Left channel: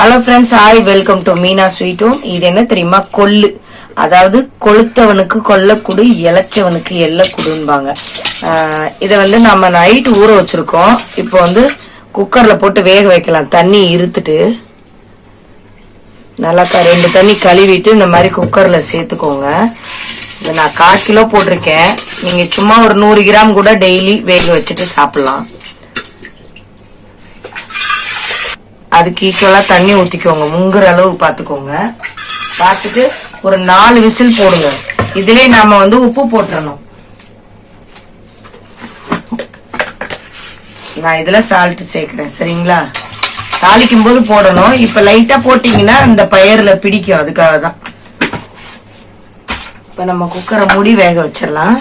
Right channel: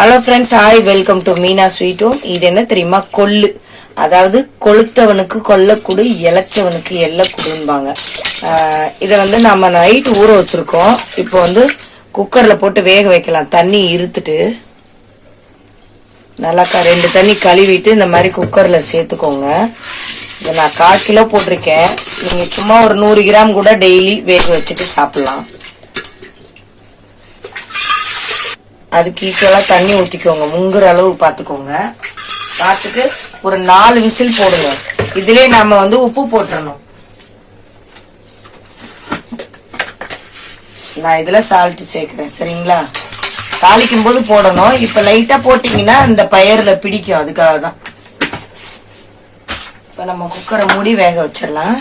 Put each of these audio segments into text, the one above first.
Hello friends hi welcome to Meena ஸ்வீட்டும் இது என்ன தெரியுமா? கொள்ளு. அதாவது கொளுத்தவனுக்கு கொல்லக்குடு இளைச்சவனுக்கு எல்லக்குடுன்பாங்க இதை வந்து நம்ம நைட் ஊற வச்சிருக்கோம். இப்போ வந்து குக்கரில் போட்டு வேக வைக்கலாம். தண்ணி இருத்துட்டு நல்லா ரெண்டு தண்ணி கழுவிட்டு இந்த மாதிரி குக்கரில் சேர்த்துக்கோங்க. இதை நான் கால் கிலோ போட்டிருக்கேன். நீங்கள் சும்மா ஒரு நூறு கிராம் கூட டெய்லி வேக வச்சுட்டு சாப்பிட்லாம். அதுக்கு ஈக்குவலாக தண்ணி ஊற்றிக்கோங்க முங்குற அளவு பார்த்துக்கோங்க பார்த்துட்டு ஒரு நாலு விசில் போடுங்க. இதுலேயே நம்ம வந்து உப்பு போட்டுடணும் நான் இதில் சால்ட்டு சேர்க்குறேன். சரிங்களா? தாளிக்கும் போது போடணும். இப்போ லைட்டாக போட்டிங்கன்னா இந்த பயிரில் பிடிக்கும். அதுக்காக தான். இப்போ நம்ம குக்கரை மூடி வேக வச்சிடலாம்.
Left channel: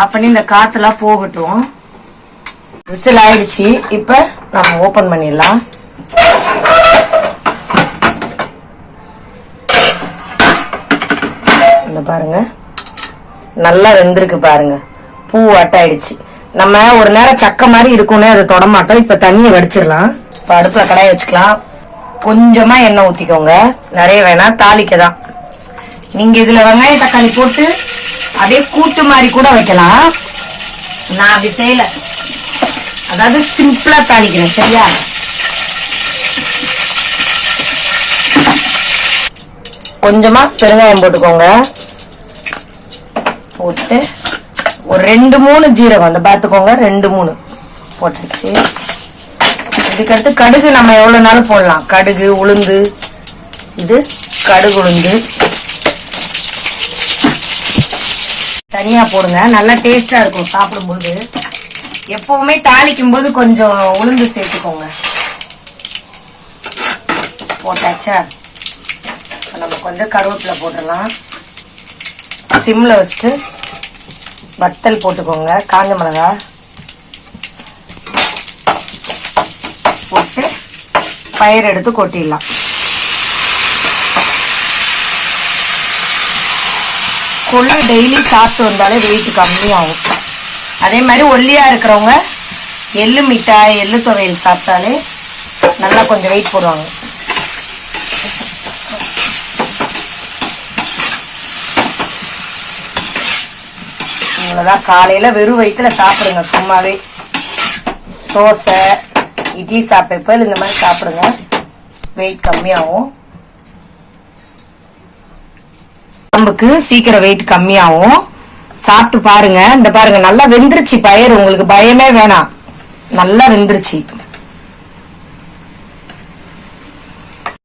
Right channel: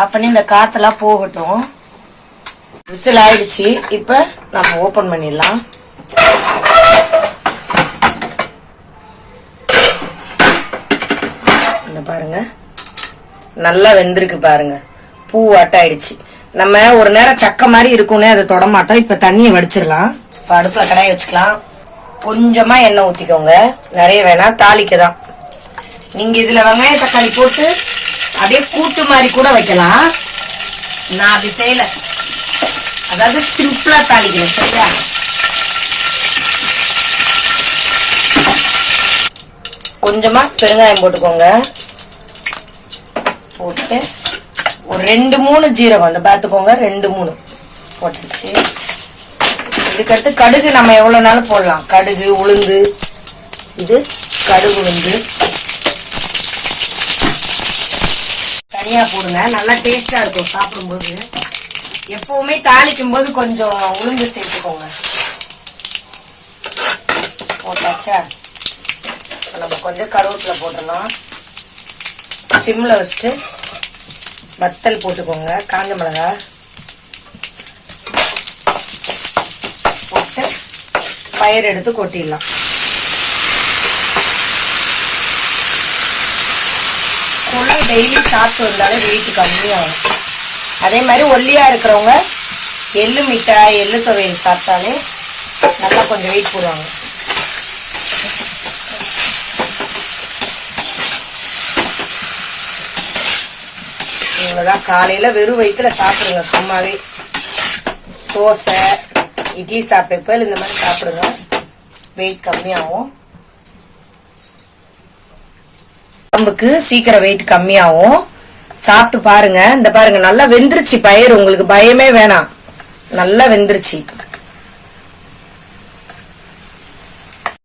ஆஃப் பண்ணி இந்த காத்தெல்லாம் போகட்டும். விசில் ஆயிடுச்சு இப்ப நம்ம ஓபன் பண்ணிடலாம். இந்த பாருங்க. நல்லா வெந்திருக்கு பாருங்க. பூ அட்டாயிடுச்சு நம்ம ஒரு நேரம் சக்க மாதிரி இருக்கும்னே அதை தொட மாட்டோம். இப்ப தண்ணியை வடிச்சிடலாம். இப்ப அடுப்புல கடாயை வச்சுக்கலாம். கொஞ்சமா எண்ணெய் ஊத்திக்கோங்க. நிறைய வேணாம். தாளிக்க தான் நீங்க இதுல வெங்காய தக்காளி போட்டு அப்படியே கூட்டு மாதிரி கூட வைக்கலாம். நான் அப்படி செய்யல. அதாவது சிம்பிளா தாளிக்கிறேன் சரியா? கொஞ்சமா பெருங்காயம் போட்டுக்கோங்க. போட்டு ஒரு ரெண்டு மூணு ஜீரகம் அந்த பார்த்துக்கோங்க ரெண்டு மூணு போட்டுச்சு இதுக்கடுத்து கடுகு நம்ம எவ்வளோ நாளும் போடலாம்? கடுகு உளுந்து இது கடுகு உளுந்து. தனியா போடுங்க. நல்லா டேஸ்டா இருக்கும் சாப்பிடும்போது. எப்பவுமே தாளிக்கும் போது கொஞ்சம் உளுந்து சேர்த்துக்கோங்க. போட்டாச்சா? நம்ம கொஞ்சம் கருவேப்பிலை போட்டுடலாம். சிம்ல வச்சுட்டு வத்தல் போட்டுக்கோங்க. காஞ்ச மிளகா போட்டு பயிர் எடுத்து கொட்டிடலாம். கொள்ளு டெய்லி சாப்பிட்டு வந்தாலே வெயிட் கம்மியாகும். அதே மாதிரி ஒல்லியாக இருக்கிறவங்க எள்ளு மிட்டாய் எள்ளு துவையல் சாப்பிட்டாலே நல்லா கொஞ்சம் வெயிட் போடுவாங்க. இவ்வளோதான் காலையில் வெறும் வயிற்றில் சாப்பிடுங்க. சும்மாவே. தோசை இட்லி சாப்பிட்றப்ப இந்த மாதிரி சாப்பிடுங்க. வெயிட் கம்மியாகும். உடம்புக்கு சீக்கிரம் வெயிட் கம்மியாகும். சாப்பிட்டு பாருங்க. இந்த பாருங்க நல்லா வெந்துருச்சு பயிர் உங்களுக்கு பயமே வேணாம். நல்லா வெந்துருச்சு.